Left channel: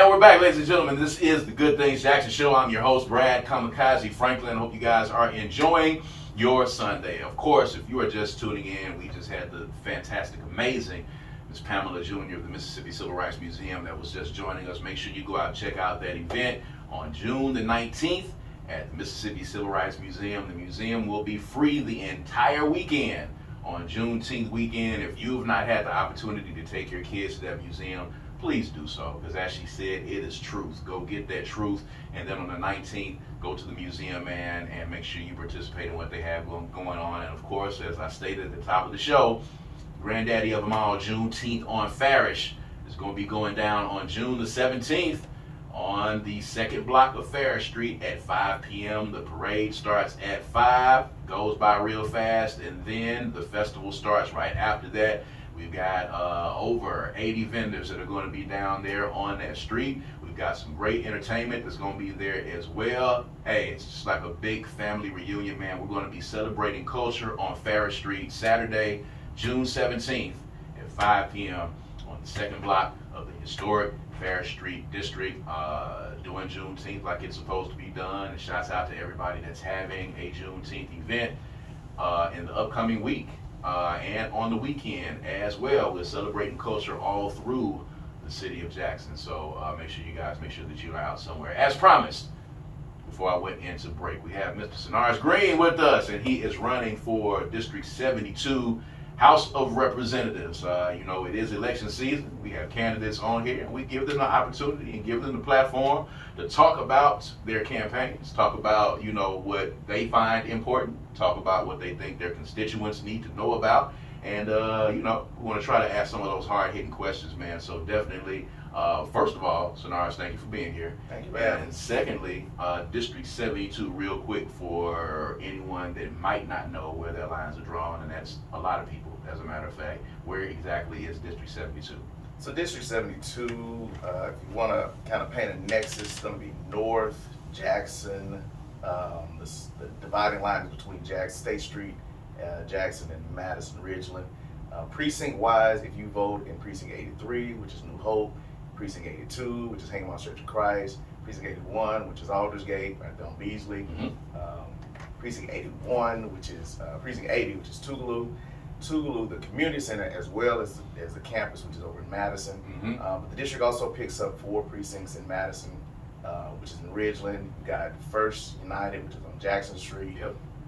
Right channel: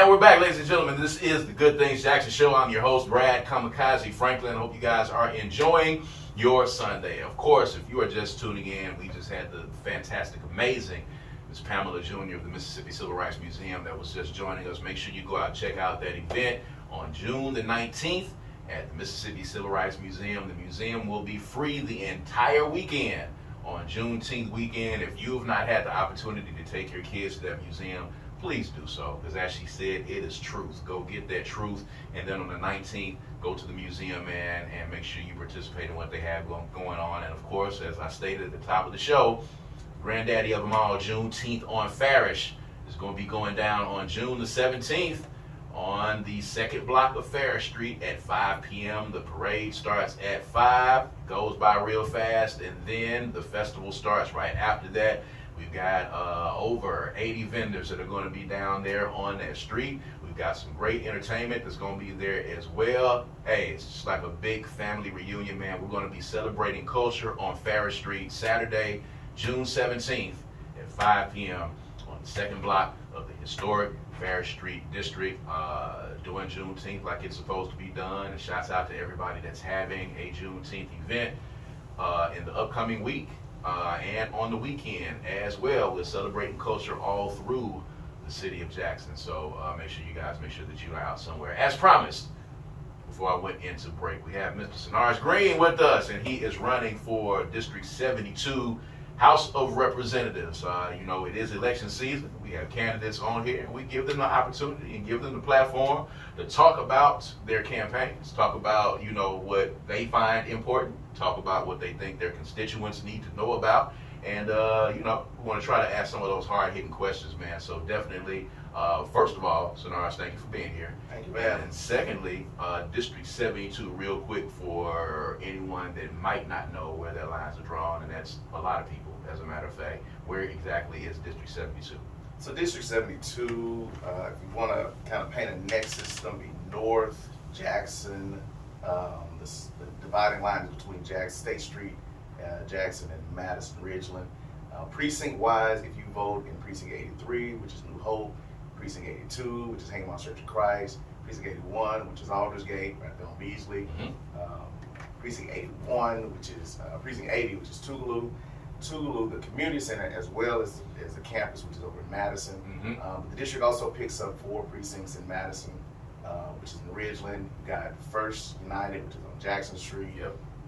And we're back, ladies and gentlemen. This is the Good Things Jackson Show. I'm your host, Brad Kamikaze Franklin. I hope you guys are enjoying your Sunday. Of course, if you are just tuning in, we just had the fantastic, amazing Ms. Pamela Jr. of the Mississippi Civil Rights Museum that was just joining us. Make sure you go out and check out that event on June the 19th at the Mississippi Civil Rights Museum. The museum will be free the entire weekend on Juneteenth weekend. If you have not had the opportunity to take your kids to that museum, please do so, because as she said, it is truth. Go get that truth, and then on the 19th, go to the museum and make sure you participate in what they have going on. And of course, as I stated at the top of the show, granddaddy of them all, Juneteenth on Farish, is going to be going down on June the 17th on the second block of Farish Street at 5 p.m. The parade starts at 5, goes by real fast, and then the festival starts right after that. We've got over 80 vendors that are going to be down there on that street. We've got some great entertainment that's going to be there as well. Hey, it's just like a big family reunion, man. We're going to be celebrating culture on Farish Street Saturday, June 17th at 5 p.m. on the second block of the historic Farish Street District, doing Juneteenth like it's supposed to be done. And shouts out to everybody that's having a Juneteenth event in the upcoming week. And on the weekend as well. We're celebrating culture all through the city of Jackson. So make sure that you are out somewhere. As promised, before I went into break, we have Mr. Synarus Green with us, and he is running for District 72 House of Representatives. It is election season. We have candidates on here, and we give them the opportunity and give them the platform to talk about their campaigns, talk about, what they find important, talk about what they think their constituents need to know about. And, we want to try to ask some of those hard-hitting questions, man. So definitely, first of all, Synarus, thank you for being here. Thank you, man. And secondly, District 72, real quick, for anyone that might not know where their lines are drawn, and that's a lot of people, as a matter of fact. Where exactly is District 72? So District 72, if you want to kind of paint a nexus, it's going to be North Jackson. The dividing line is between State Street, Jackson, and Madison Ridgeland. Precinct-wise, if you vote in Precinct 83, which is New Hope, Precinct 82, which is Haymont Church of Christ, Precinct 81, which is Aldersgate, right there on Beasley, Precinct 81, which is Precinct 80, which is Tougaloo, the community center, as well as the campus, which is over in Madison. But the district also picks up 4 precincts in Madison, which is in Ridgeland. You got First United, which is on Jackson Street,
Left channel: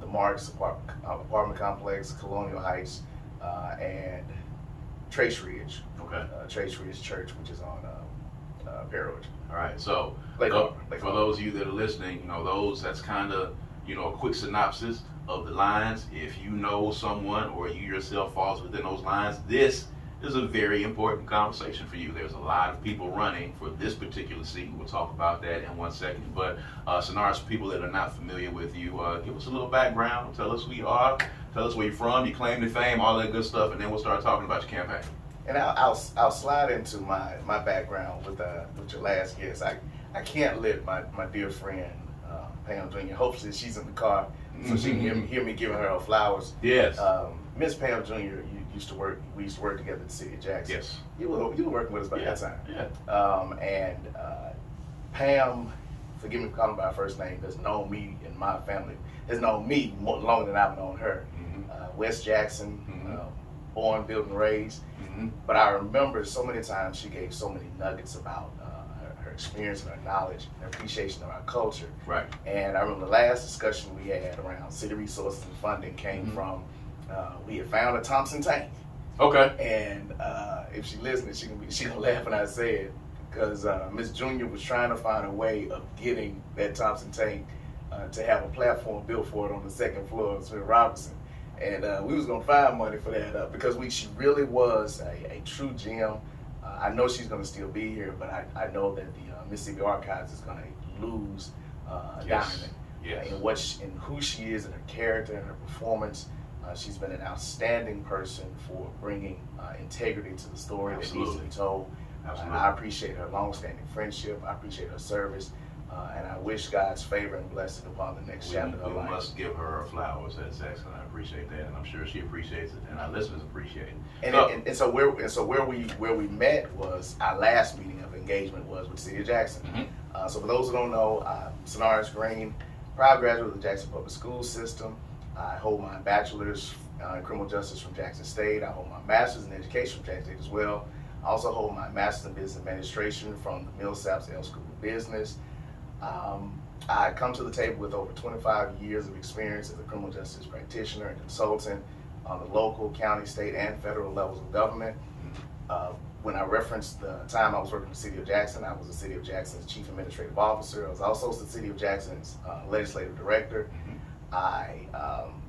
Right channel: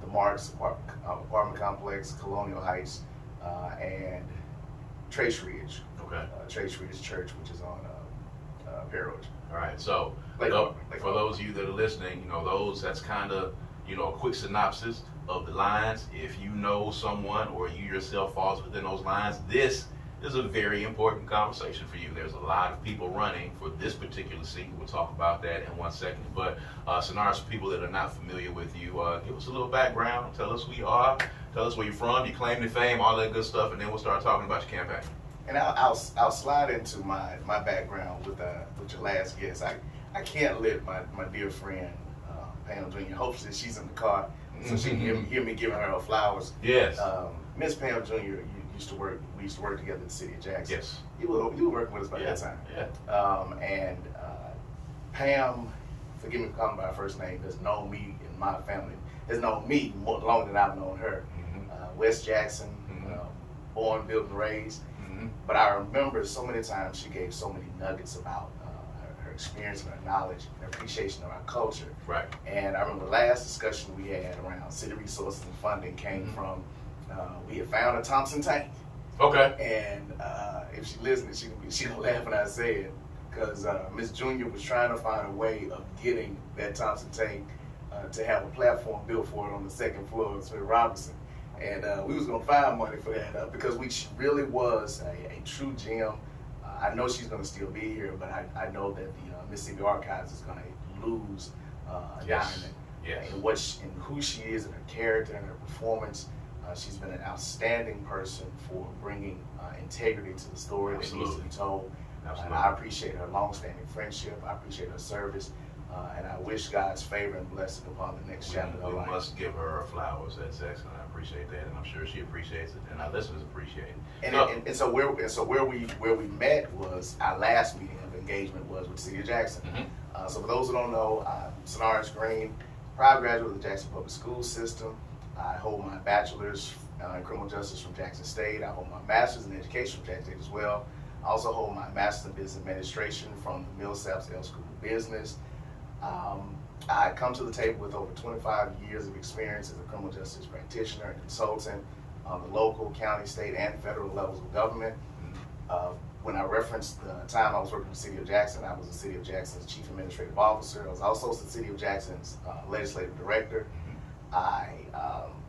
the Marks apartment complex, Colonial Heights, and Trace Ridge. Okay. Trace Ridge Church, which is on Pear Ridge. All right. So for those of you that are listening, that's kind of a quick synopsis of the lines. If you know someone or you yourself falls within those lines, this is a very important conversation for you. There's a lot of people running for this particular seat. We'll talk about that in one second. But Synarus, people that are not familiar with you, give us a little background. Tell us who you are. Tell us where you're from, your claim to fame, all that good stuff, and then we'll start talking about your campaign. And I'll slide into my background with your last guest. I can't let my dear friend Pam Jr. Hopefully she's in the car so she can hear me giving her flowers. Yes. Miss Pam Jr. We used to work together in the city of Jackson. Yes. You were working with us by that time. Yeah. And Pam, forgive me for calling her by her first name, has known me and my family, has known me more longer than I've known her. West Jackson, born, built, and raised. But I remember so many times she gave so many nuggets about her experience and her knowledge and appreciation of our culture. Right. And I remember the last discussion we had around city resources and funding came from, we had found a Thompson tank. Okay. And if she listening, she gonna laugh when I say it, because Miss Junior was trying to find a way of getting that Thompson tank to have a platform built for it on the second floor of Smith Robinson. And we was gonna find money for that because she really was a true gem. I know she's gonna still be here, but I know that the Mississippi Archives is gonna lose a diamond in who she is and her character and her performance. She's been an outstanding person for bringing integrity to the story that needs to be told. And I appreciate her long-standing friendship. I appreciate her service. And I wish God's favor and blessing upon the next chapter of her life. We must give her her flowers. That's excellent. I appreciate that, and I'm sure she appreciates it, and our listeners appreciate it. And so where we met was our last meeting of engagement was with the City of Jackson. Mm-hmm. So for those who don't know, Synarus Green, proud graduate of the Jackson Public School System. I hold my bachelor's in criminal justice from Jackson State. I hold my master's in education from Jackson State as well. I also hold my master's in business administration from the Millsaps L School of Business. I come to the table with over 25 years of experience as a criminal justice practitioner and consultant on the local, county, state, and federal levels of government. When I referenced the time I was working with the City of Jackson, I was the City of Jackson's Chief Administrative Officer. I was also the City of Jackson's Legislative Director. I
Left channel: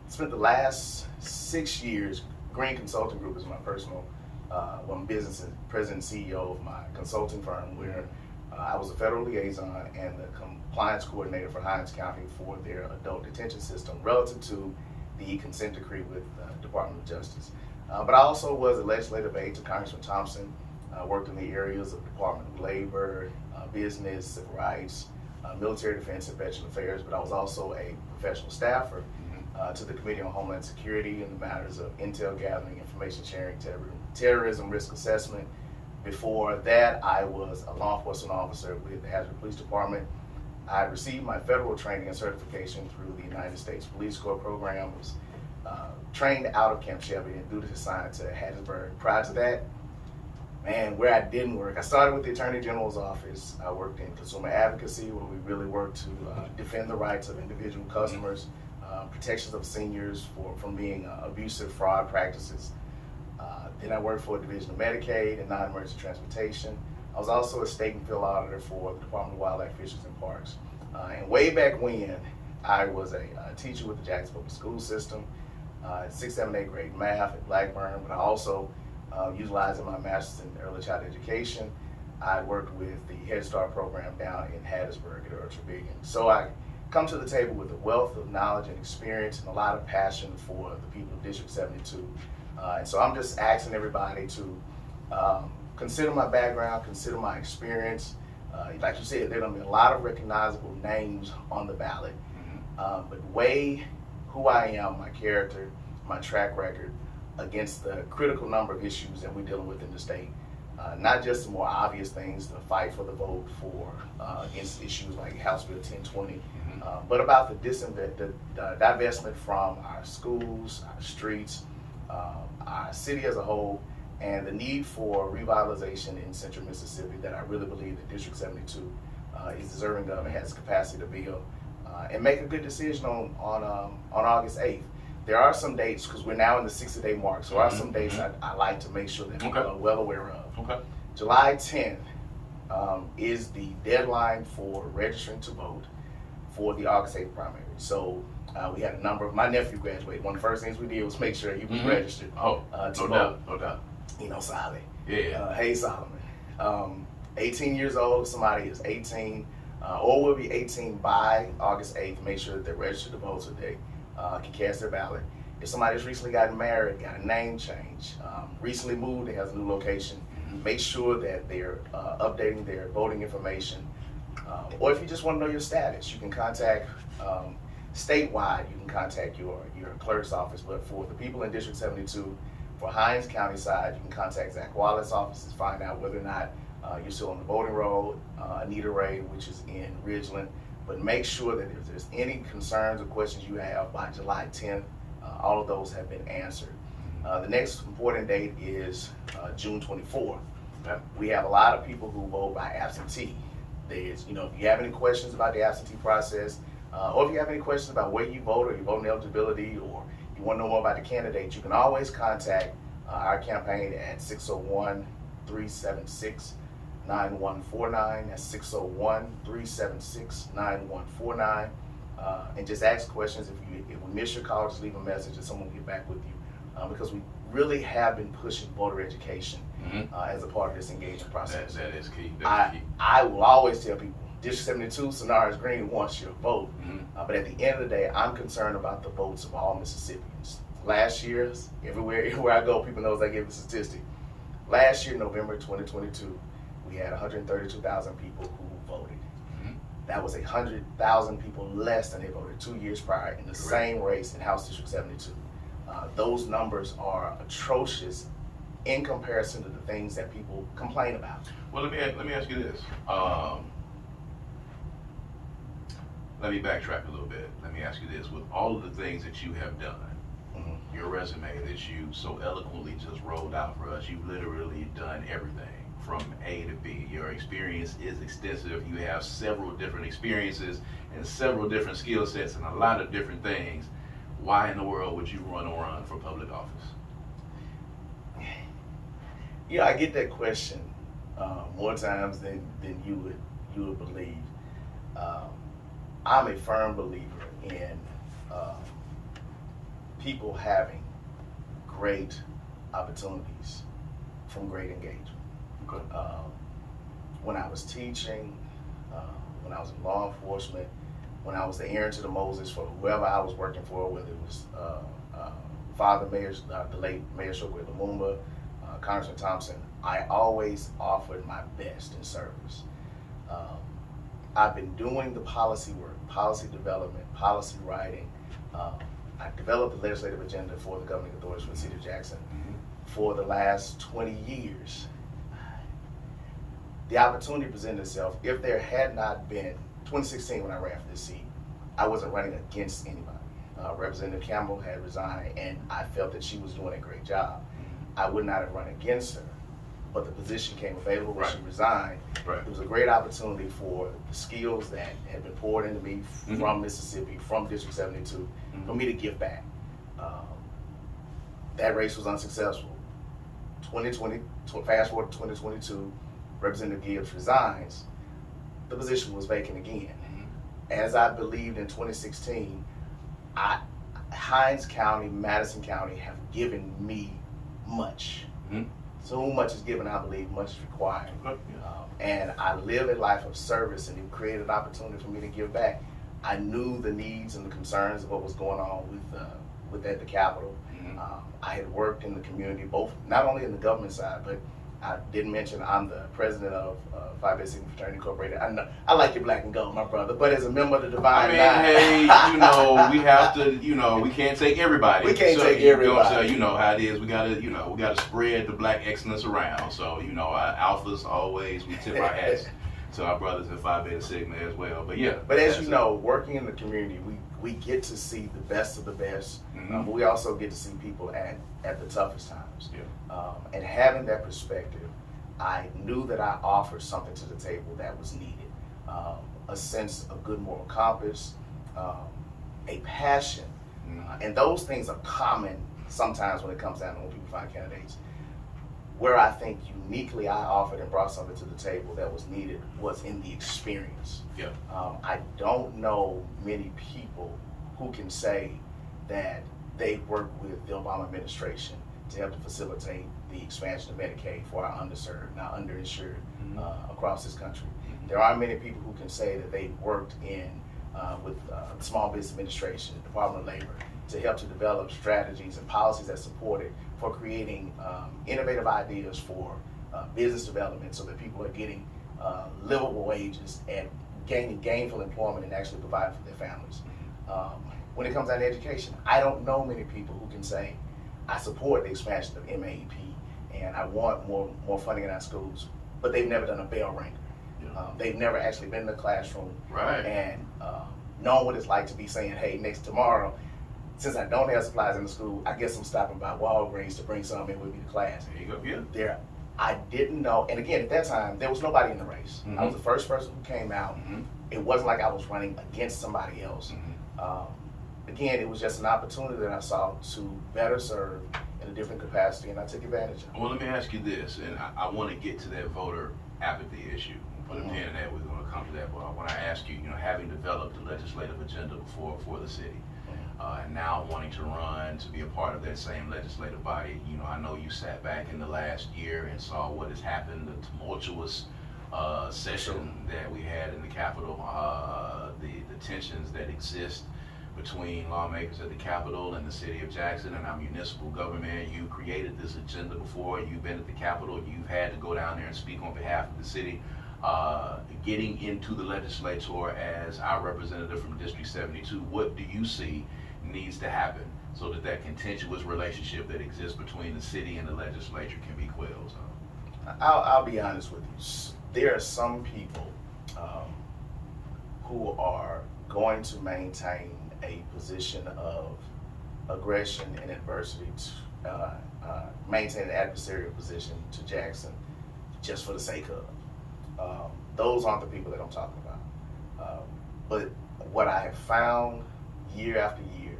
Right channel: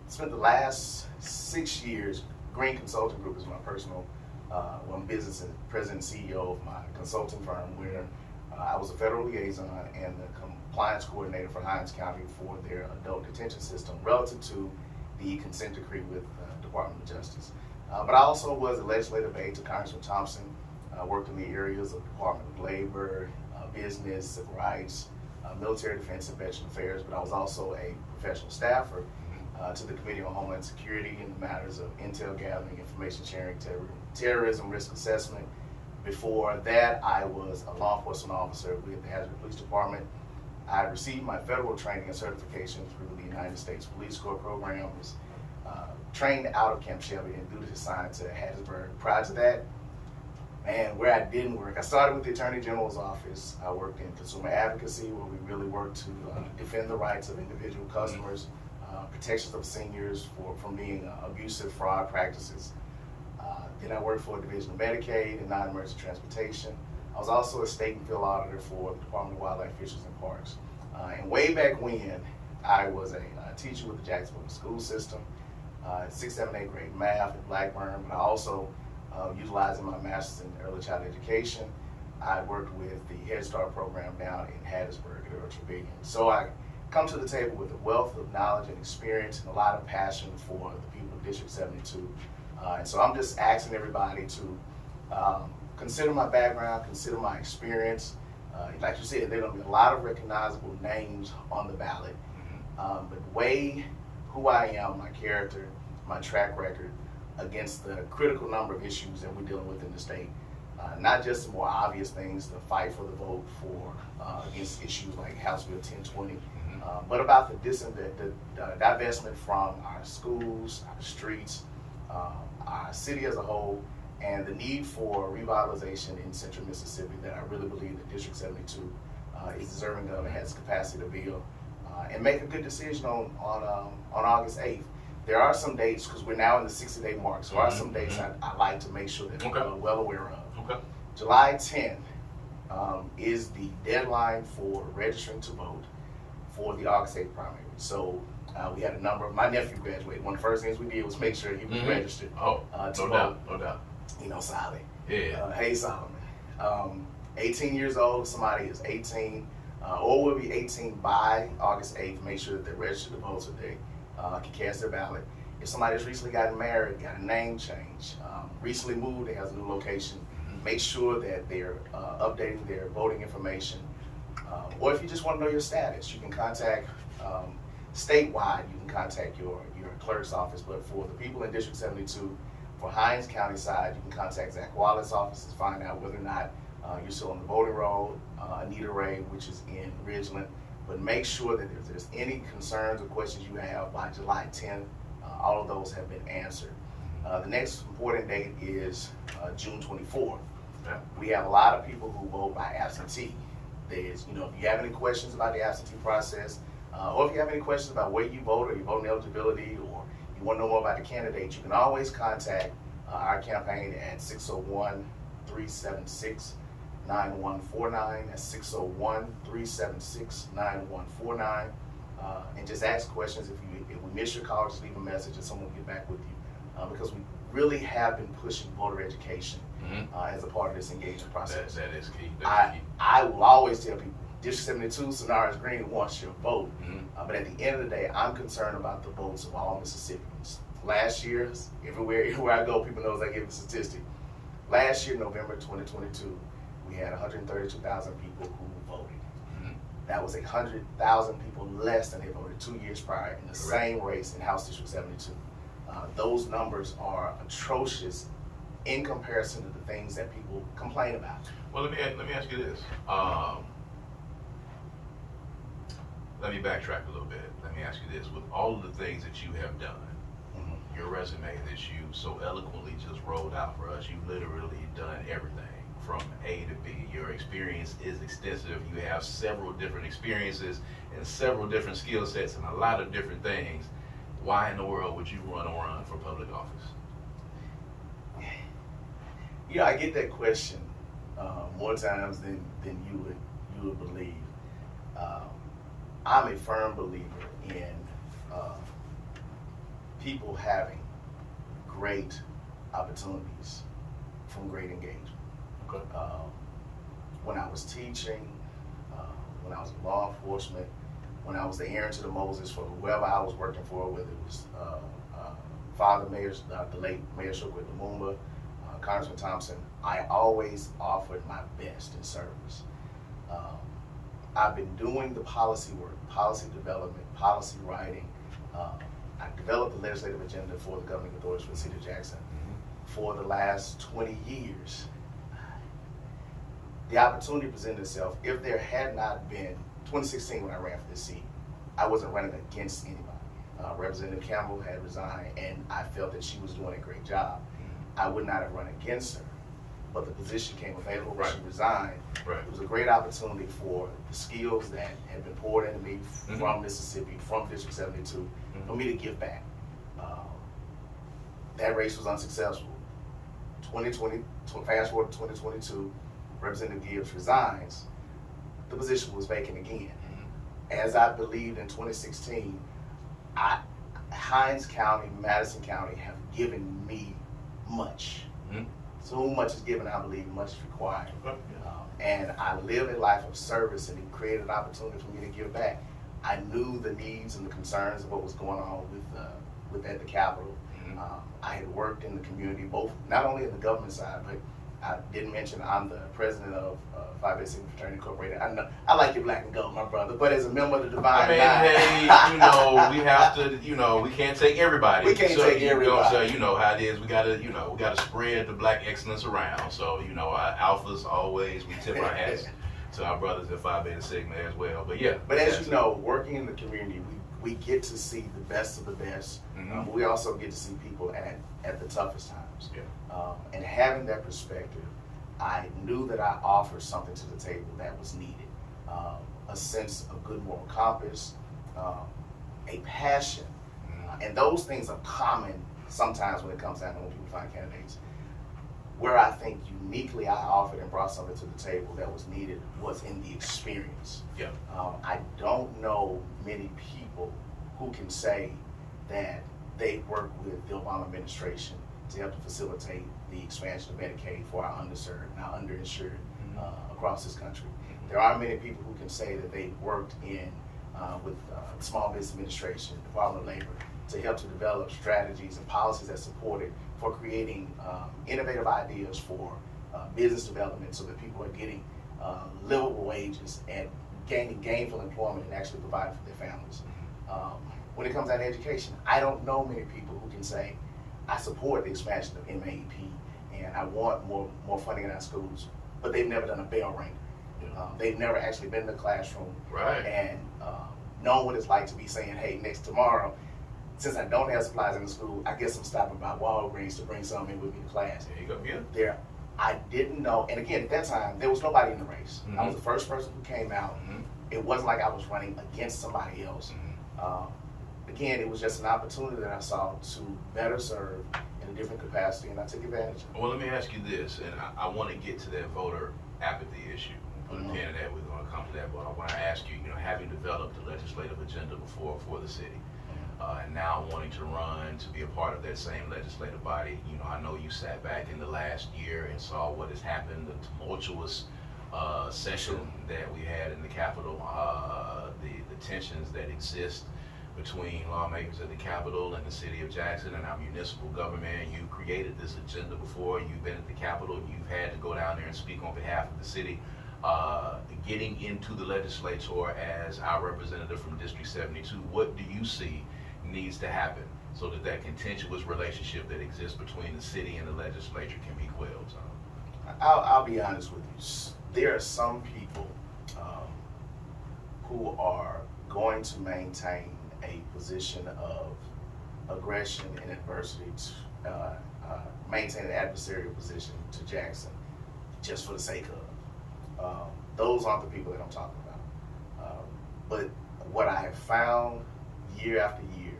spent the last 6 years, Green Consulting Group is my personal business and president and CEO of my consulting firm, where I was a federal liaison and the compliance coordinator for Hinds County for their adult detention system relative to the consent decree with the Department of Justice. But I also was a legislative aide to Congressman Thompson, worked in the areas of Department of Labor, business, civil rights, military defense, and veteran affairs, but I was also a professional staffer to the Committee on Homeland Security in the matters of intel gathering, information sharing, terrorism risk assessment. Before that, I was a law enforcement officer with the Hattiesburg Police Department. I received my federal training and certification through the United States Police Corps program. Was trained out of Camp Shelby and duty assigned to Hattiesburg. Prior to that, man, where I didn't work, I started with the Attorney General's office. I worked in consumer advocacy, where we really worked to defend the rights of individual customers, protections of seniors from being abusive fraud practices. Then I worked for a division of Medicaid and non-emergency transportation. I was also a state and field auditor for the Department of Wildlife, Fisheries, and Parks. And way back when, I was a teacher with the Jackson Public School System, 6th, 7th, 8th grade math at Blackburn, but I also utilizing my master's in early childhood education. I worked with the Head Start program down in Hattiesburg at Earl Trevigyan. So I come to the table with a wealth of knowledge and experience and a lot of passion for the people of District 72. And so I'm just asking everybody to consider my background, consider my experience. Like you said, there are going to be a lot of recognizable names on the ballot, but weigh who I am, my character, my track record against the critical number of issues that we're dealing with in the state. Not just the more obvious things, the fight for the vote for against issues like House Bill 1020, but about the divestment from our schools, our streets, our city as a whole, and the need for revitalization in central Mississippi that I really believe that District 72 is deserving of and has the capacity to build, and make a good decision on August 8th. There are some dates, because we're now in the 60-day mark, so there are some dates I like to make sure that people are well aware of. Okay. July 10th is the deadline for registering to vote for the August 8th primary. So we had a number of, my nephew graduated. One of the first things we did was make sure he was registered to vote. No doubt. You know, Solly. Yeah. Hey, Solomon. 18 years old, somebody is 18, or will be 18 by August 8th. Make sure that they're registered to vote so they can cast their ballot. If somebody's recently gotten married, got a name change, recently moved and has a new location, make sure that they're updating their voting information. Or if you just want to know your status, you can contact statewide, you can contact your clerk's office. But for the people in District 72, for Hinds County side, you can contact Zach Wallet's office to find out whether or not you're still on the voting roll. Anita Ray, which is in Ridgeland. But make sure that if there's any concerns or questions you have by July 10th, all of those have been answered. The next important date is June 24th. Yeah. We have a lot of people who vote by absentee. There's, if you have any questions about the absentee process, or if you have any questions about where you vote or your voting eligibility, or you want to know more about the candidates, you can always contact our campaign at 601-376-9149. That's 601-376-9149. And just ask questions. If we miss your call, just leave a message and someone will get back with you. Because we really have been pushing voter education as a part of this engagement process. That is key. I will always tell people, District 72, Synarus Green wants your vote. But at the end of the day, I'm concerned about the votes of all Mississippians. Last year, everywhere I go, people knows I give a statistic. Last year, November 2022, we had 132,000 people who voted. That was 100,000 people less than they voted 2 years prior in the same race in House District 72. Those numbers are atrocious in comparison to the things that people complain about. Well, let me ask you this. Let me backtrack a little bit. Let me ask you this. With all of the things that you have done, your resume that you so eloquently just rolled out for us, you've literally done everything from A to B. Your experience is extensive. You have several different experiences and several different skill sets and a lot of different things. Why in the world would you run for public office? You know, I get that question more times than you would believe. I'm a firm believer in people having great opportunities from great engagement. When I was teaching, when I was in law enforcement, when I was the Aaron to the Moses for whoever I was working for, whether it was Father Mayor, the late Mayor Shugway Lumumba, Congressman Thompson, I always offered my best in service. I've been doing the policy work, policy development, policy writing. I developed the legislative agenda for the governing authorities for the city of Jackson for the last 20 years. The opportunity presented itself. If there had not been, 2016 when I ran for this seat, I wasn't running against anybody. Representative Campbell had resigned and I felt that she was doing a great job. I would not have run against her, but the position came available when she resigned. It was a great opportunity for the skills that had been poured into me from Mississippi, from District 72, for me to give back. That race was unsuccessful. 2020, fast forward to 2022, Representative Gibbs resigns, the position was vacant again. As I believed in 2016, Hinds County, Madison County have given me much. So much is given, I believe, much is required. And I live a life of service, and it created an opportunity for me to give back. I knew the needs and the concerns of what was going on with at the Capitol. I had worked in the community, both not only in the government side, but I didn't mention I'm the president of Phi Beta Sigma Fraternity Incorporated. I know I like your black and gold, my brother, but as a member of the Divine Nine, hey, we have to, we can't take everybody. We can't take everybody. So you know how it is. We gotta spread the black excellence around. So our alphas always we tip our hats to our brothers at Phi Beta Sigma as well. But yeah. But as you know, working in the community, we get to see the best of the best, but we also get to see people at the toughest times. And having that perspective, I knew that I offered something to the table that was needed. A sense of good moral compass, a passion. And those things are common sometimes when it comes down to when people find candidates. Where I think uniquely I offered and brought something to the table that was needed was in the experience. I don't know many people who can say that they worked with the Obama administration to help to facilitate the expansion of Medicaid for our underserved and our underinsured across this country. There are many people who can say that they worked with Small Business Administration, Department of Labor, to help to develop strategies and policies that supported for creating innovative ideas for business development so that people are getting livable wages and gaining gainful employment and actually providing for their families. When it comes down to education, I don't know many people who can say, I support the expansion of MAEP and I want more funding in our schools, but they've never done a bell ringer. They've never actually been in the classroom and known what it's like to be saying, hey, tomorrow, since I don't have supplies in the school, I guess I'm stopping by Walgreens to bring some in with me to class. There you go. I didn't know, and again, at that time, there was nobody in the race. I was the first person who came out. It wasn't like I was running against somebody else. Again, it was just an opportunity that I saw to better serve in a different capacity, and I took advantage of it. Well, let me ask you this, and I want to get to that voter apathy issue. Put a pin in that, we're going to come to that, but I want to ask you, having developed the legislative agenda before for the city, and now wanting to run to be a part of that same legislative body, I know you sat back in the last year and saw what has happened, the tumultuous session that we had in the Capitol, the tensions that exist between lawmakers at the Capitol and the city of Jackson and our municipal government. You created this agenda before, you've been at the Capitol, you've had to go down there and speak on behalf of the city. Getting into the legislature as our representative from District 72, what do you see needs to happen so that that contentious relationship that exists between the city and the legislature can be quelled. So. I'll be honest with you. There are some people who are going to maintain a position of aggression and adversity, to maintain an adversarial position to Jackson just for the sake of. Those aren't the people that I'm talking about. But what I have found year after year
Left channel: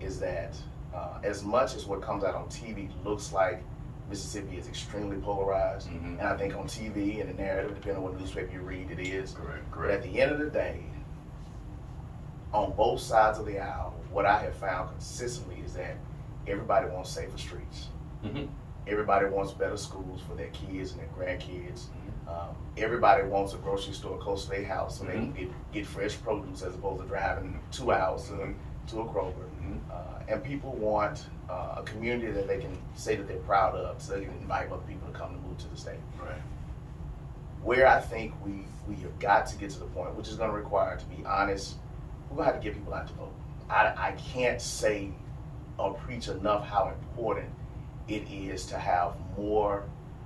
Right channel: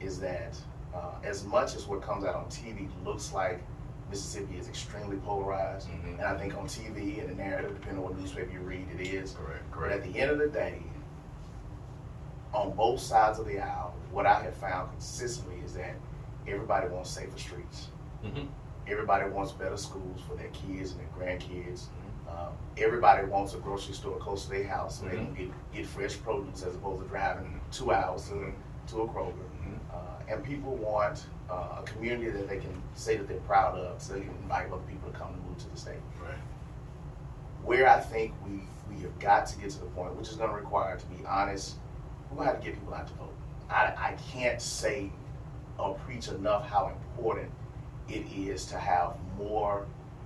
is that as much as what comes out on TV looks like Mississippi is extremely polarized, and I think on TV and the narrative, depending on what newspaper you read, it is. Correct. But at the end of the day, on both sides of the aisle, what I have found consistently is that everybody wants safer streets. Everybody wants better schools for their kids and their grandkids. Everybody wants a grocery store close to their house so they can get fresh produce as opposed to driving 2 hours to a Kroger. And people want a community that they can say that they're proud of, so they can invite other people to come and move to the state. Right. Where I think we have got to get to the point, which is going to require, to be honest, we're going to have to get people out to vote. I can't say or preach enough how important it is to have more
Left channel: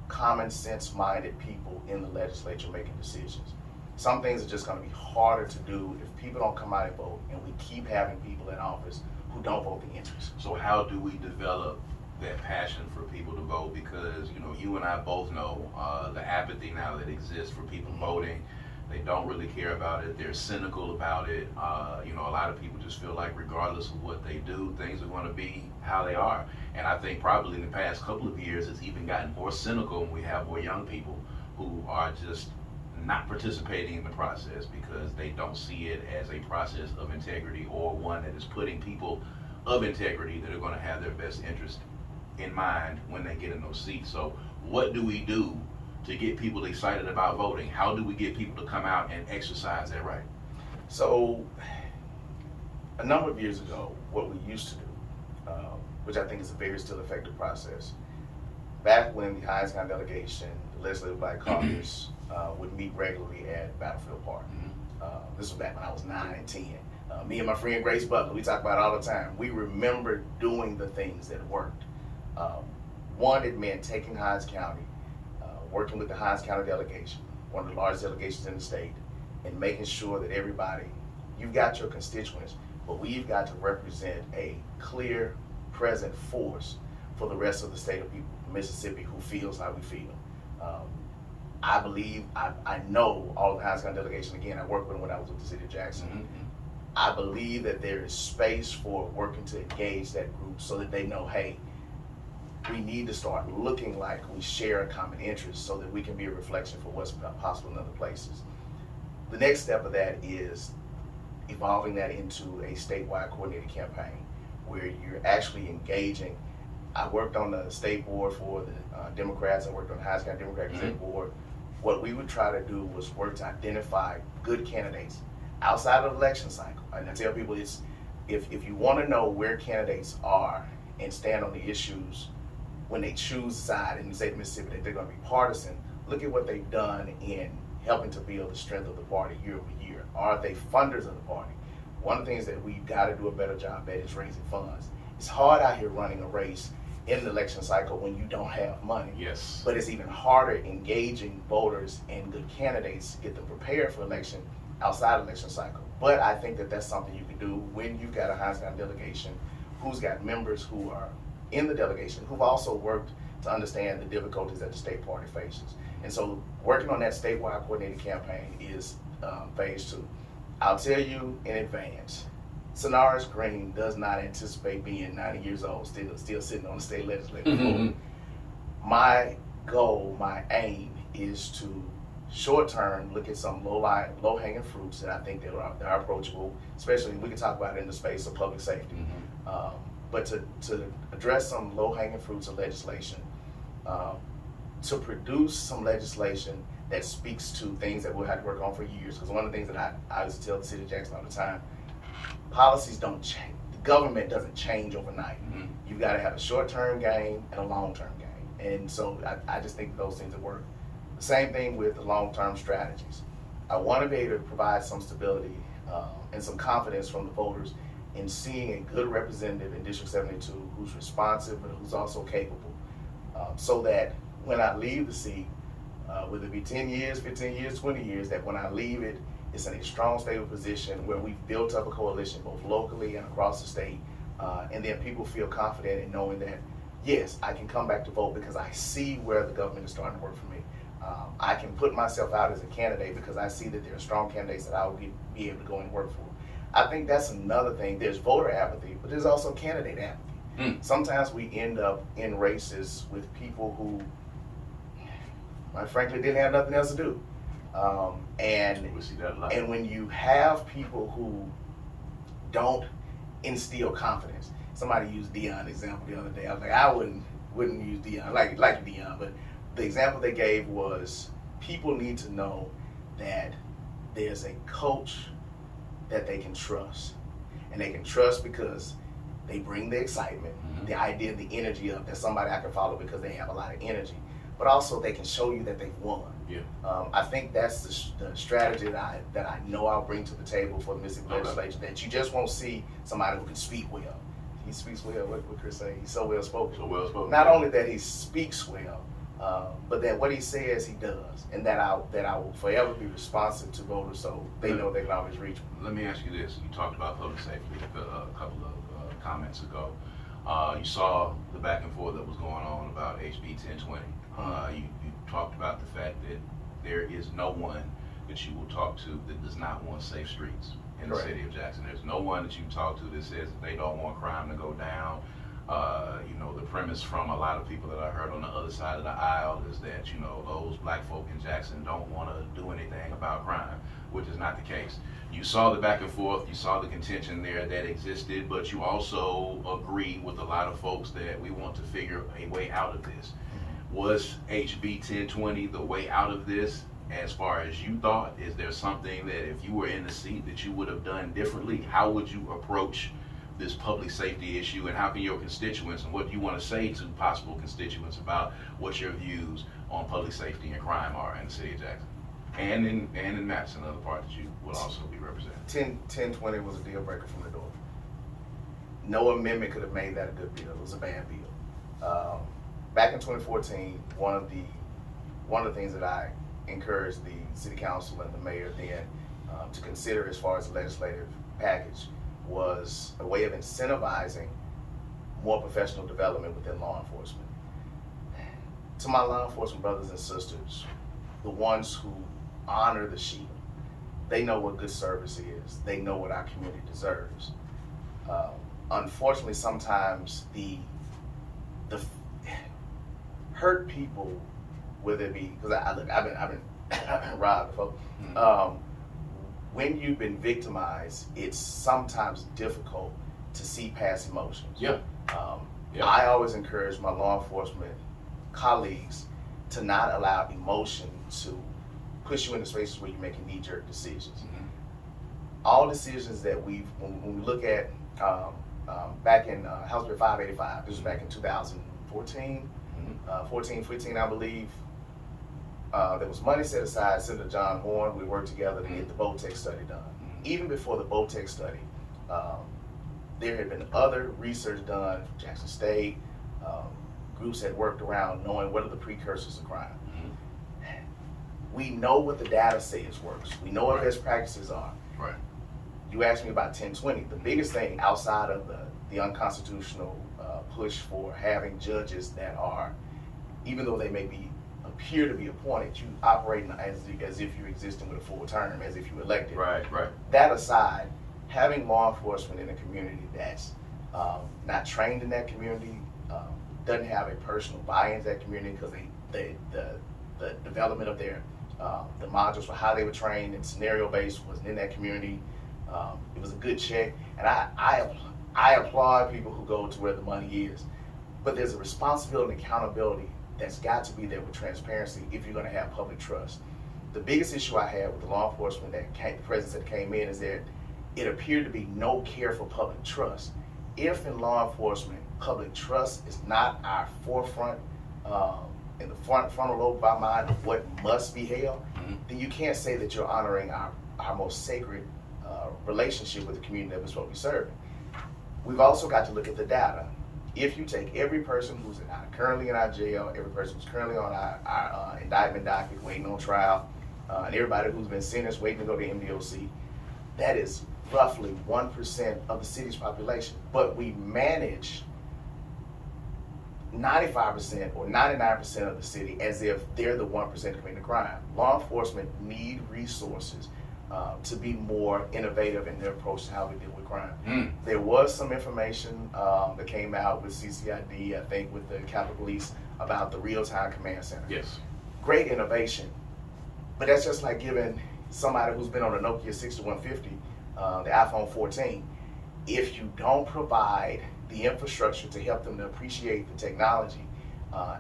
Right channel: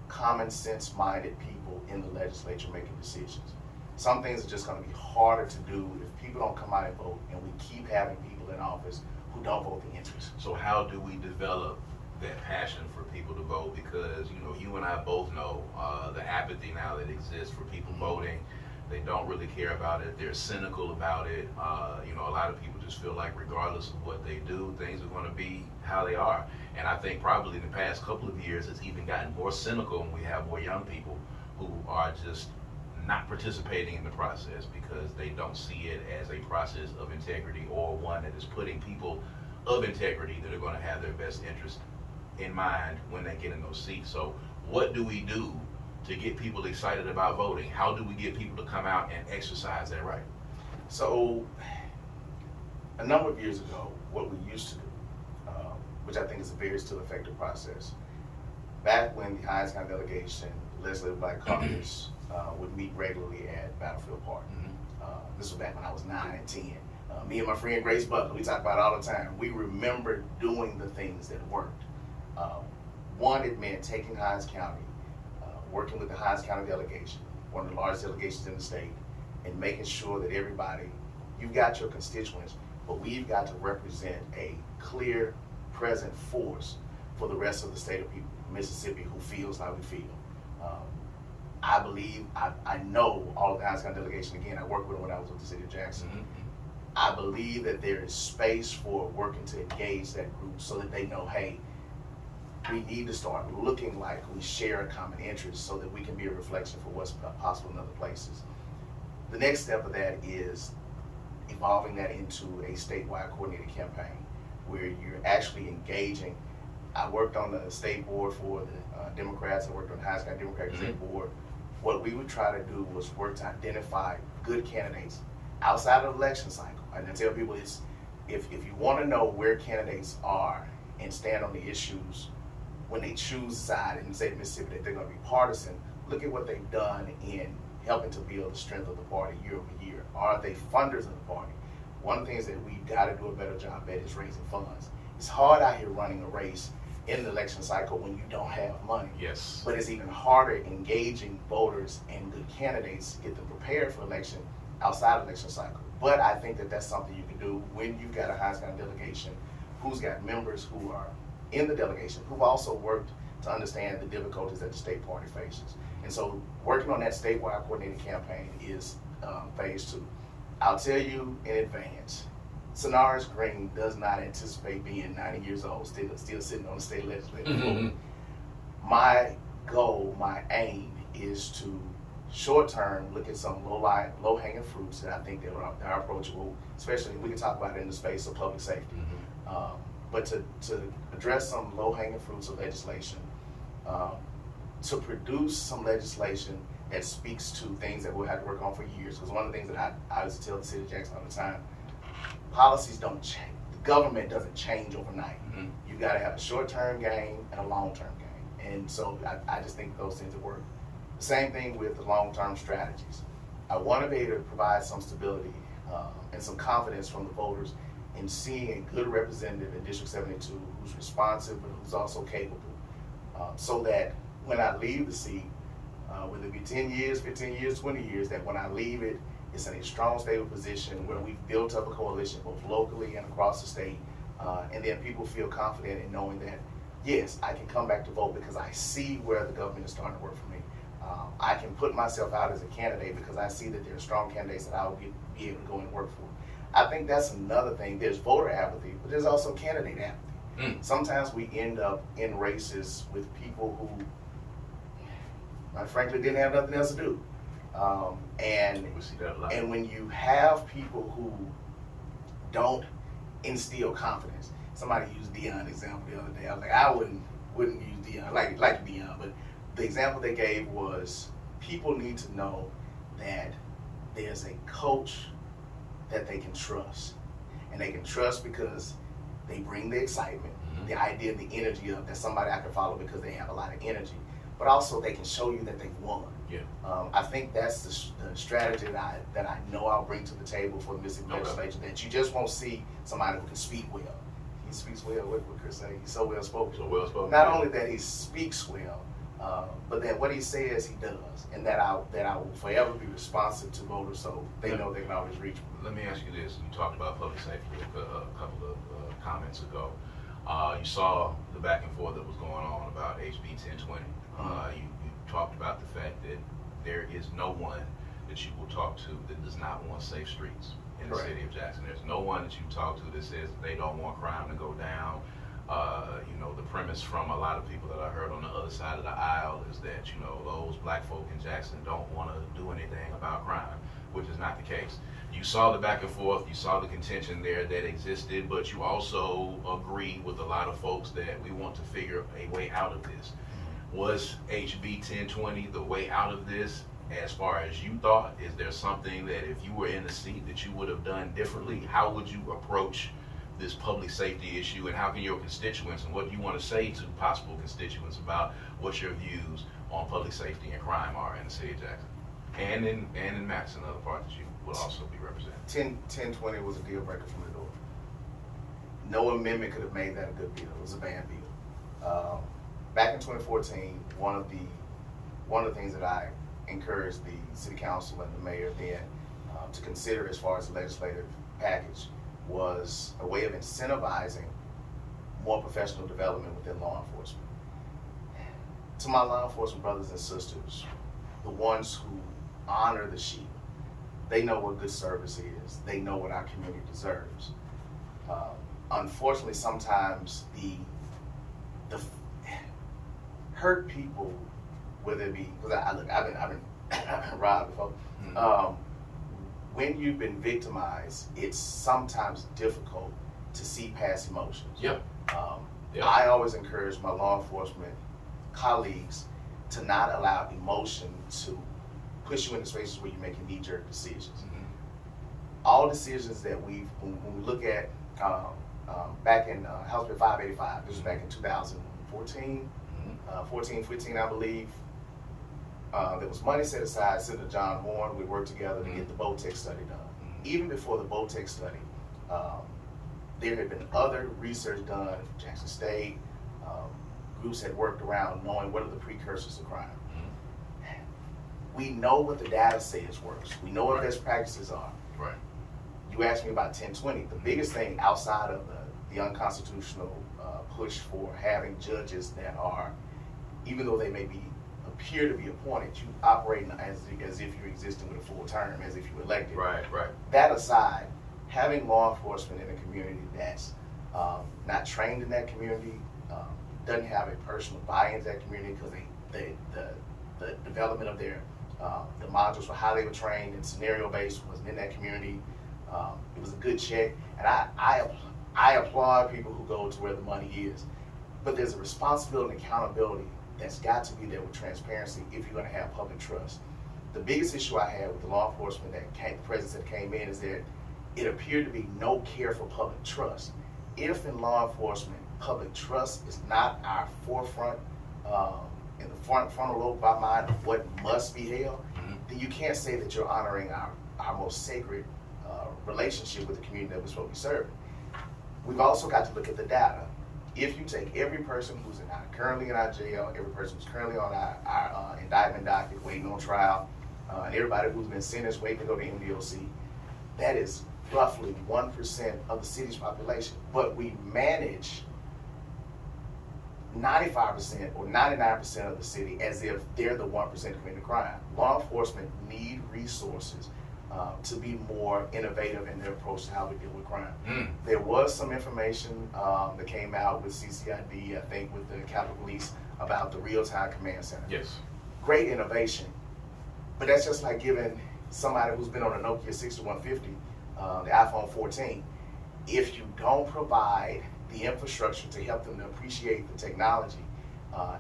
common sense minded people in the legislature making decisions. Some things are just going to be harder to do if people don't come out and vote, and we keep having people in office who don't vote the interest. So how do we develop that passion for people to vote? Because you and I both know the apathy now that exists for people voting. They don't really care about it. They're cynical about it. A lot of people just feel like regardless of what they do, things are going to be how they are. And I think probably in the past couple of years, it's even gotten more cynical when we have more young people who are just not participating in the process because they don't see it as a process of integrity or one that is putting people of integrity that are going to have their best interest in mind when they get in those seats. So what do we do to get people excited about voting? How do we get people to come out and exercise that right? So a number of years ago, what we used to do, which I think is a very still effective process, back when the Hinds County delegation, the Legislative Black Caucus, would meet regularly at Battlefield Park. This was back when I was 9 and 10. Me and my friend Grace Butler, we talk about it all the time. We remember doing the things that worked. One, it meant taking Hinds County, working with the Hinds County delegation, one of the largest delegations in the state, and making sure that everybody, you've got your constituents, but we've got to represent a clear, present force for the rest of the state of Mississippi who feels like we feel. I believe, I know all of the Hinds County delegation, again, I worked with them when I was with the city of Jackson. I believe that there is space for working to engage that group so that they know, hey, we need to start looking like we share a common interest so that we can be a reflection for what's possible in other places. The next step of that is evolving that into a statewide coordinated campaign where you're actually engaging. I worked on the state board for the Democrats. I worked on the Hinds County Democratic State Board. What we would try to do was work to identify good candidates outside of the election cycle. And I tell people, it's if you want to know where candidates are and stand on the issues when they choose a side in the state of Mississippi that they're going to be partisan, look at what they've done in helping to build the strength of the party year over year. Are they funders of the party? One of the things that we've got to do a better job at is raising funds. It's hard out here running a race in the election cycle when you don't have money. Yes. But it's even harder engaging voters and good candidates to get them prepared for election outside of election cycle. But I think that that's something you can do when you've got a Hinds County delegation who's got members who are in the delegation who've also worked to understand the difficulties that the state party faces. And so working on that statewide coordinated campaign is phase 2. I'll tell you in advance, Synarus Green does not anticipate being 90 years old, still sitting on the state legislature. My goal, my aim is to short term look at some low-hanging fruits that I think that are approachable, especially we can talk about it in the space of public safety. But to address some low-hanging fruits of legislation, to produce some legislation that speaks to things that we'll have to work on for years. Because one of the things that I used to tell the city of Jackson all the time, policies don't change. The government doesn't change overnight. You've got to have a short-term gain and a long-term gain. And so I just think those things that work. The same thing with the long-term strategies. I want to be able to provide some stability and some confidence from the voters in seeing a good representative in District 72 who's responsive but who's also capable, so that when I leave the seat, whether it be 10 years, 15 years, 20 years, that when I leave it, it's in a strong, stable position where we've built up a coalition both locally and across the state, and then people feel confident in knowing that, yes, I can come back to vote because I see where the government is starting to work for me. I can put myself out as a candidate because I see that there are strong candidates that I will be able to go and work for. I think that's another thing. There's voter apathy, but there's also candidate apathy. Sometimes we end up in races with people who, quite frankly, didn't have nothing else to do. And We see that a lot. and when you have people who don't instill confidence, somebody used Dion example the other day. I was like, I wouldn't use Dion, like Dion, but the example they gave was people need to know that there's a coach that they can trust, and they can trust because they bring the excitement, the idea, the energy of that somebody I can follow because they have a lot of energy, but also they can show you that they've won. Yeah. I think that's the strategy that I know I'll bring to the table for the Mississippi legislature, that you just won't see somebody who can speak well. He speaks well, what would Chris say? He's so well spoken. So well spoken. Not only that he speaks well, but that what he says he does, and that I will forever be responsive to voters so they know they can always reach me. Let me ask you this. You talked about public safety a couple of comments ago. You saw the back and forth that was going on about HB 1020. You talked about the fact that there is no one that you will talk to that does not want safe streets in the city of Jackson. There's no one that you talk to that says that they don't want crime to go down. The premise from a lot of people that I heard on the other side of the aisle is that, those black folk in Jackson don't want to do anything about crime, which is not the case. You saw the back and forth, you saw the contention there that existed, but you also agree with a lot of folks that we want to figure a way out of this. Was HB 1020 the way out of this as far as you thought? Is there something that if you were in the seat that you would have done differently? How would you approach this public safety issue, and how can your constituents and what you want to say to possible constituents about what your views on public safety and crime are in the city of Jackson? And in Madison, another part that you will also be representing. 1020 was a deal breaker from the door. No amendment could have made that a good bill. It was a bad bill. Back in 2014, one of the things that I encouraged the city council and the mayor then to consider as far as the legislative package was a way of incentivizing more professional development within law enforcement. To my law enforcement brothers and sisters, the ones who honor the shield, they know what good service is. They know what our community deserves. Unfortunately, sometimes the hurt people, whether it be, because I've been robbed before. When you've been victimized, it's sometimes difficult to see past emotions. Yeah. I always encourage my law enforcement colleagues to not allow emotion to push you into spaces where you're making knee-jerk decisions. All decisions that when we look at back in House Bill 585, this was back in 2014, 15, I believe. There was money set aside. Senator John Horn, we worked together to get the BOTEC study done. Even before the BOTEC study, there had been other research done, Jackson State, groups had worked around knowing what are the precursors of crime. We know what the data says works. We know what best practices are. Right. You asked me about 1020. The biggest thing outside of the unconstitutional push for having judges that are, even though they may appear to be appointed, you operate as if you're existing with a full term, as if you elected. Right. That aside, having law enforcement in a community that's not trained in that community, doesn't have a personal buy-in to that community because the development of their the modules for how they were trained and scenario-based was in that community. It was a good check, and I applaud people who go to where the money is, but there's a responsibility and accountability that's got to be there with transparency if you're going to have public trust. The biggest issue I had with the law enforcement the presence that came in is that it appeared to be no care for public trust. If in law enforcement, public trust is not our forefront, in the frontal lobe of our mind of what must be held, then you can't say that you're honoring our most sacred relationship with the community that we're supposed to be serving. we've also got to look at the data. If you take every person who's currently in our jail, every person who's currently on our indictment docket waiting on trial, and everybody who's been sentenced waiting to go to MDOC, that is roughly 1% of the city's population. But we manage 95% or 99% of the city as if they're the 1% committing the crime. Law enforcement need resources to be more innovative in their approach to how we deal with crime. There was some information that came out with CCID, I think with the Capitol Police, about the real-time command center. Yes. Great innovation, but that's just like giving somebody who's been on a Nokia 6150, the iPhone 14, if you don't provide the infrastructure to help them to appreciate the technology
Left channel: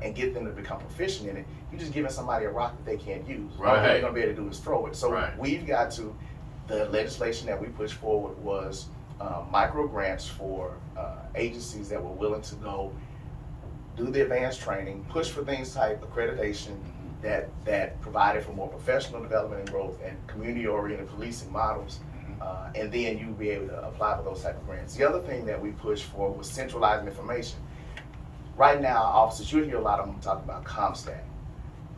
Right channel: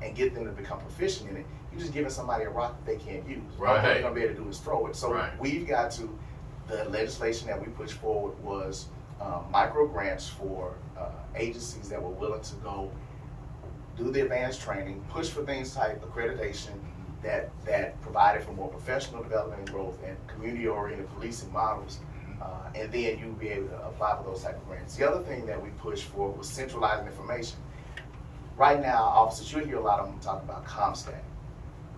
and get them to become proficient in it, you're just giving somebody a rock that they can't use. Right. All they're gonna be able to do is throw it. So right. we've got to, the legislation that we pushed forward was micro grants for agencies that were willing to go do the advanced training, push for things like accreditation that provided for more professional development and growth and community-oriented policing models. And then you'd be able to apply for those type of grants. The other thing that we pushed for was centralizing information. Right now, officers, you'll hear a lot of them talk about CompStat.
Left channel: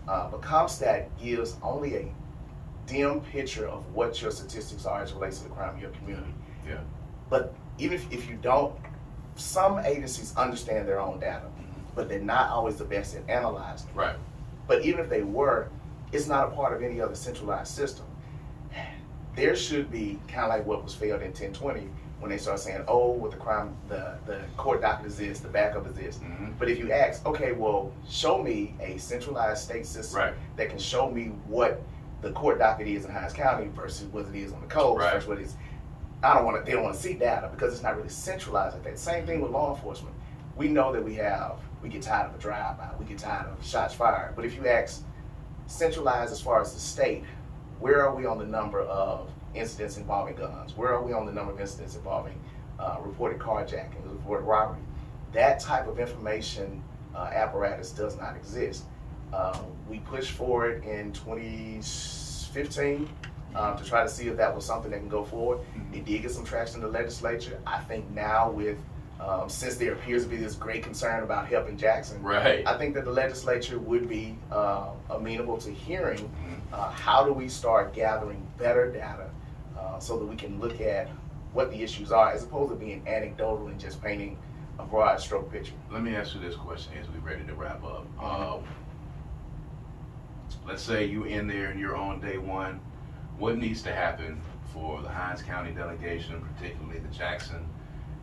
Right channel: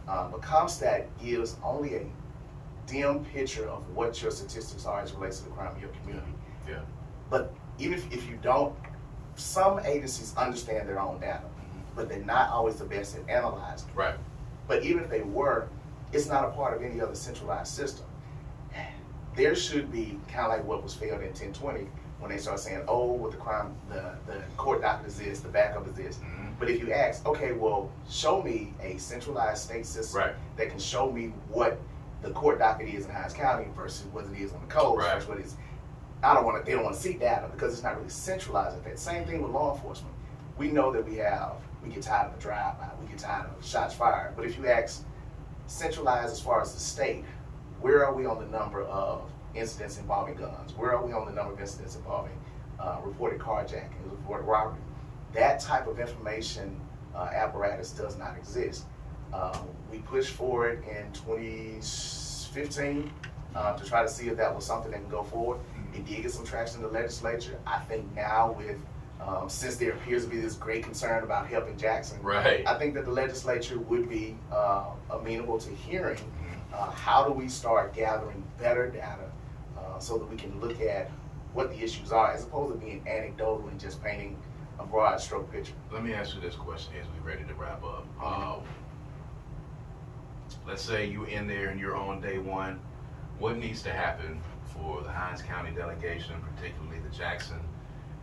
But CompStat gives only a dim picture of what your statistics are as it relates to the crime in your community. Yeah. But even if you don't, some agencies understand their own data, but they're not always the best at analyzing. Right. But even if they were, it's not a part of any other centralized system. There should be kind of like what was failed in 1020 when they start saying, oh, with the crime, the court docket is this, the backup is this. But if you ask, okay, well, show me a centralized state system that can show me what the court docket is in Hinds County versus what it is on the coast versus what it is. They don't want to see data because it's not really centralized like that. Same thing with law enforcement. We know that we get tired of a drive-by, we get tired of shots fired. But if you ask centralized as far as the state, where are we on the number of incidents involving guns? Where are we on the number of incidents involving reported carjacking, reported robbery? That type of information apparatus does not exist. We pushed for it in 2015 to try to see if that was something that can go forward. It did get some traction in the legislature. I think now with, since there appears to be this great concern about helping Jackson, I think that the legislature would be amenable to hearing how do we start gathering better data so that we can look at what the issues are as opposed to being anecdotal and just painting a broad stroke picture. Let me ask you this question as we're ready to wrap up. Let's say you're in there and you're on day one. What needs to happen for the Hinds County delegation, particularly the Jackson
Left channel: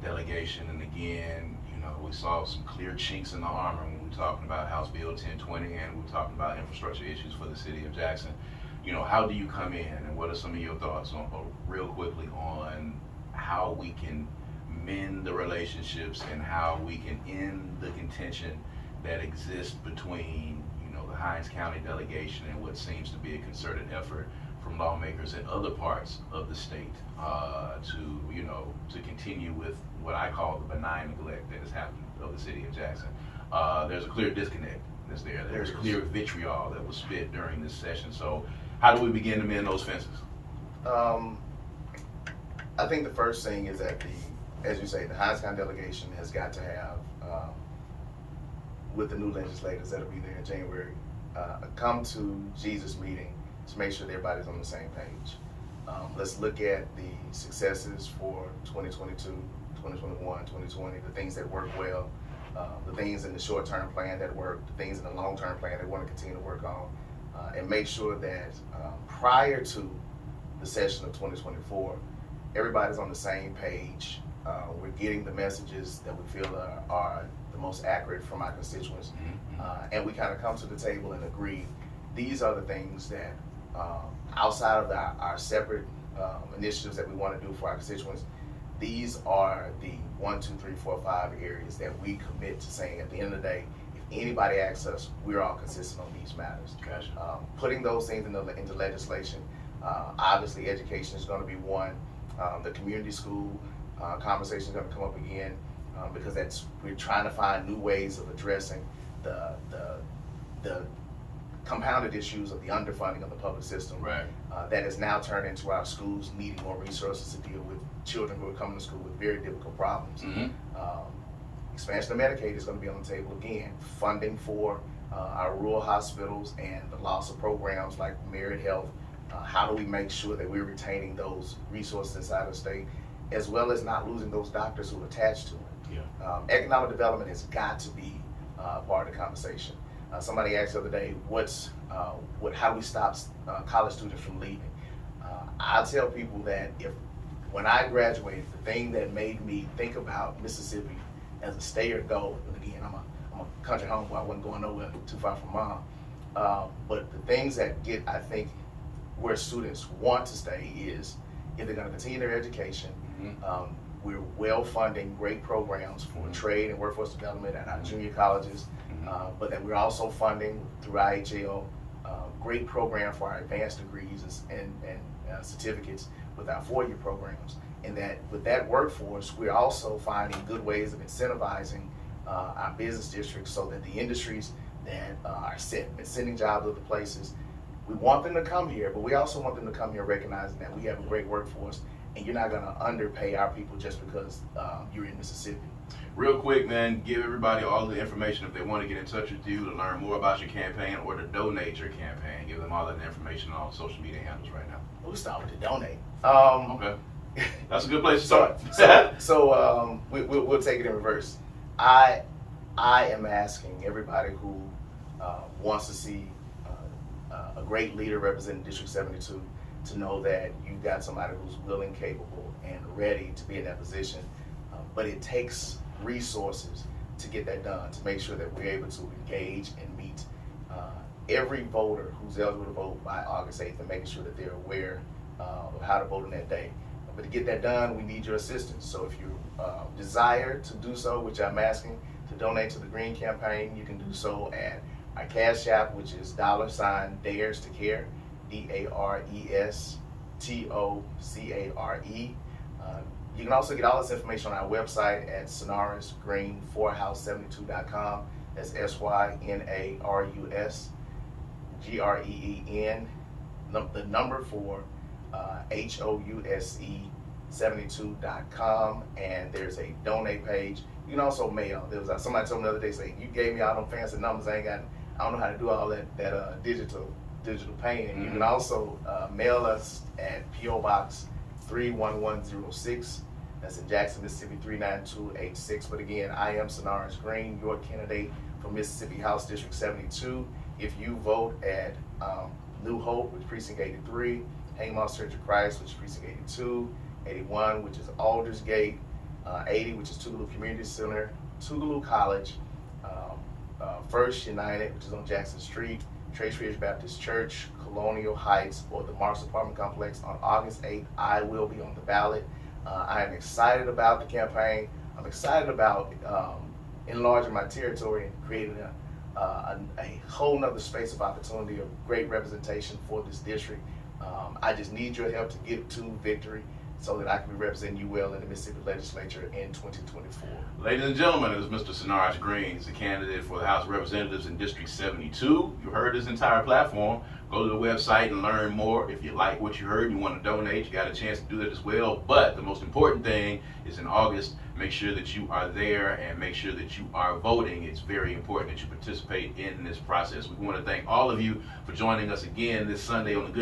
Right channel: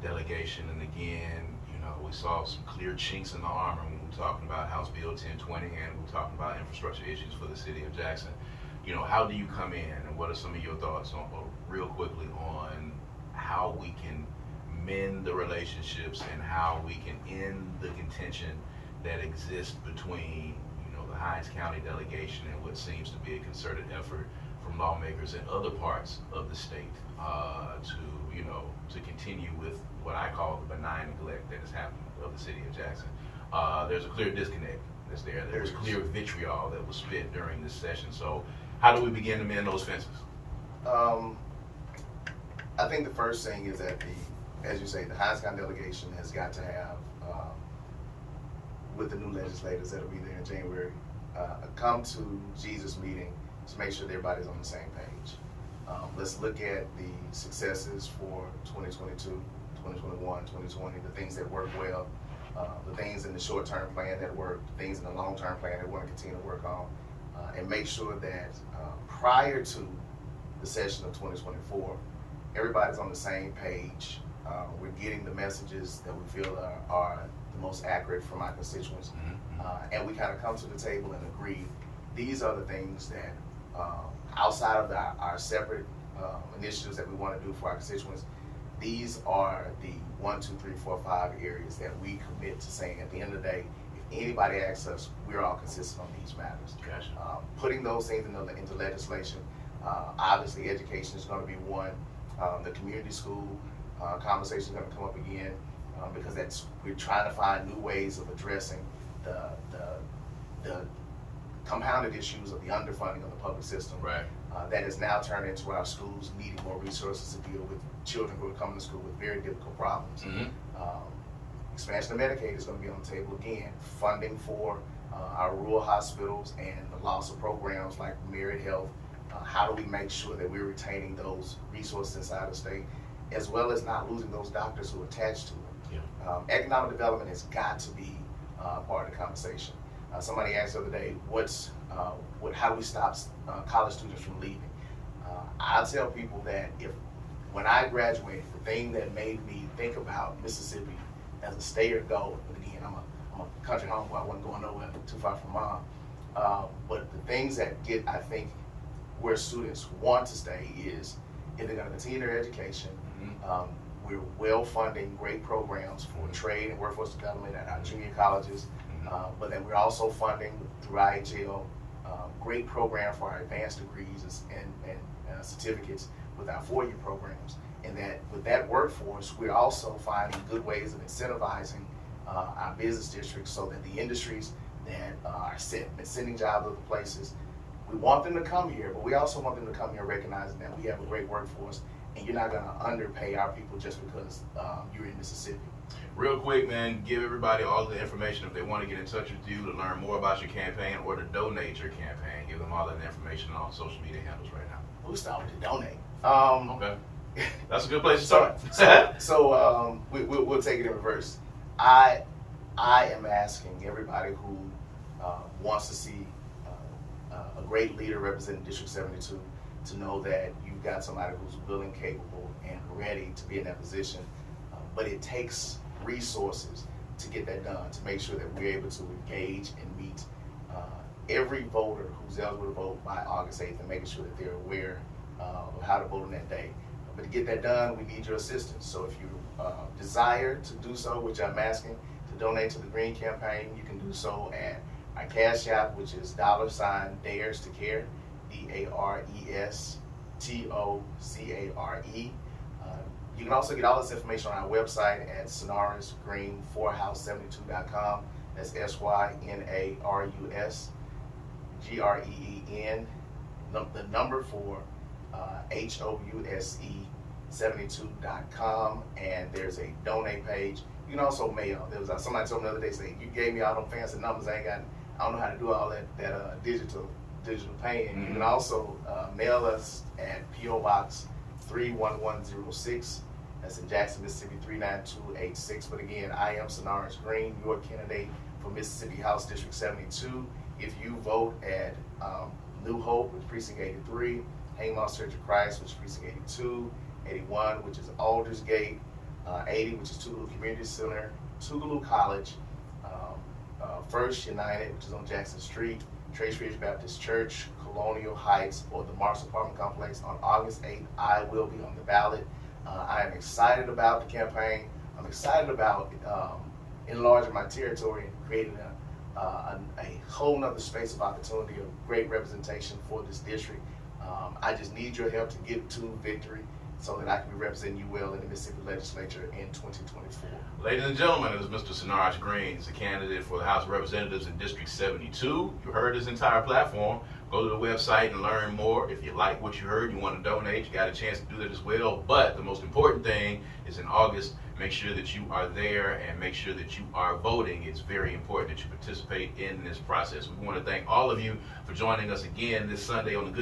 delegation? And again, you know, we saw some clear chinks in the armor when we were talking about House Bill 1020 and we were talking about infrastructure issues for the city of Jackson. You know, how do you come in and what are some of your thoughts on, real quickly, on how we can mend the relationships and how we can end the contention that exists between, you know, the Hinds County delegation and what seems to be a concerted effort from lawmakers in other parts of the state to, you know, to continue with what I call the benign neglect that is happening of the city of Jackson. There's a clear disconnect that's there. There's clear vitriol that was spit during this session. So how do we begin to mend those fences? I think the first thing is that as you say, the Hinds County delegation has got to have, with the new legislators that'll be there in January, a come to Jesus meeting to make sure that everybody's on the same page. Let's look at the successes for 2022, 2021, 2020, the things that work well, the things in the short-term plan that work, the things in the long-term plan that we want to continue to work on, and make sure that prior to the session of 2024, everybody's on the same page. We're getting the messages that we feel are the most accurate from our constituents, and we kind of come to the table and agree these are the things that outside of our separate initiatives that we want to do for our constituents, these are the 1, 2, 3, 4, 5 areas that we commit to saying at the end of the day, if anybody asks us, we're all consistent on these matters. Gotcha. Putting those things into legislation, obviously education is going to be one. The community school conversation is going to come up again because we're trying to find new ways of addressing the compounded issues of the underfunding of the public system. Right. That has now turned into our schools needing more resources to deal with children who are coming to school with very difficult problems. Expansion of Medicaid is going to be on the table again. Funding for our rural hospitals and the loss of programs like Merit Health. How do we make sure that we're retaining those resources inside the state, as well as not losing those doctors who are attached to it? Yeah. Economic development has got to be part of the conversation. Somebody asked the other day, how do we stop college students from leaving? I tell people that when I graduated, the thing that made me think about Mississippi as a stay or go, and again, I'm a country homeboy, I wasn't going nowhere too far from mom, but the things that I think, where students want to stay is if they're going to continue their education. We're well funding great programs for trade and workforce development at our junior colleges, but then we're also funding through IHL great program for our advanced degrees and certificates with our 4-year programs. And that with that workforce, we're also finding good ways of incentivizing our business districts so that the industries that are sending jobs to other places, we want them to come here, but we also want them to come here recognizing that we have a great workforce, and you're not going to underpay our people just because you're in Mississippi. Real quick, man, give everybody all the information if they want to get in touch with you to learn more about your campaign or to donate your campaign. Give them all that information on all the social media handles right now. We'll start with the donate. Okay. That's a good place to start. So we'll take it in reverse. I am asking everybody who wants to see a great leader representing District 72 to know that you've got somebody who's willing, capable, and ready to be in that position. But it takes resources to get that done, to make sure that we're able to engage and meet every voter who's eligible to vote by August 8th and making sure that they're aware of how to vote on that day. But to get that done, we need your assistance. So if you desire to do so, which I'm asking, to donate to the Green Campaign, you can do so at our Cash App, which is $Dares to Care, DARESTOCARE. You can also get all this information on our website at synarusgreen4house72.com. That's SYNARUSGREEN, the number for HOUSE72.com, and there's a donate page. You can also mail. There was somebody told me the other day, saying, "You gave me all them fancy numbers. I don't know how to do all that digital paying." You can also mail us at P.O. Box 31106. That's in Jackson, Mississippi 39286. But again, I am Synarus Green, your candidate for Mississippi House District 72. If you vote at New Hope, which is Precinct 83, Haymarket Church of Christ, which is Precinct 82, 81, which is Aldersgate, 80, which is Tougaloo Community Center, Tougaloo College, First United, which is on Jackson Street, Trace Ridge Baptist Church, Colonial Heights, or the Marks Apartment Complex on August 8th, I will be on the ballot. I am excited about the campaign. I'm excited about enlarging my territory and creating a whole nother space of opportunity of great representation for this district. I just need your help to get to victory so that I can be representing you well in the Mississippi Legislature in 2024. Ladies and gentlemen, it is Mr. Synarus Green. He's a candidate for the House of Representatives in District 72. You heard his entire platform. Go to the website and learn more. If you like what you heard and you want to donate, you got a chance to do that as well. But the most important thing is in August, make sure that you are there and make sure that you are voting. It's very important that you participate in this process. We want to thank all of you for joining us again this Sunday on the Good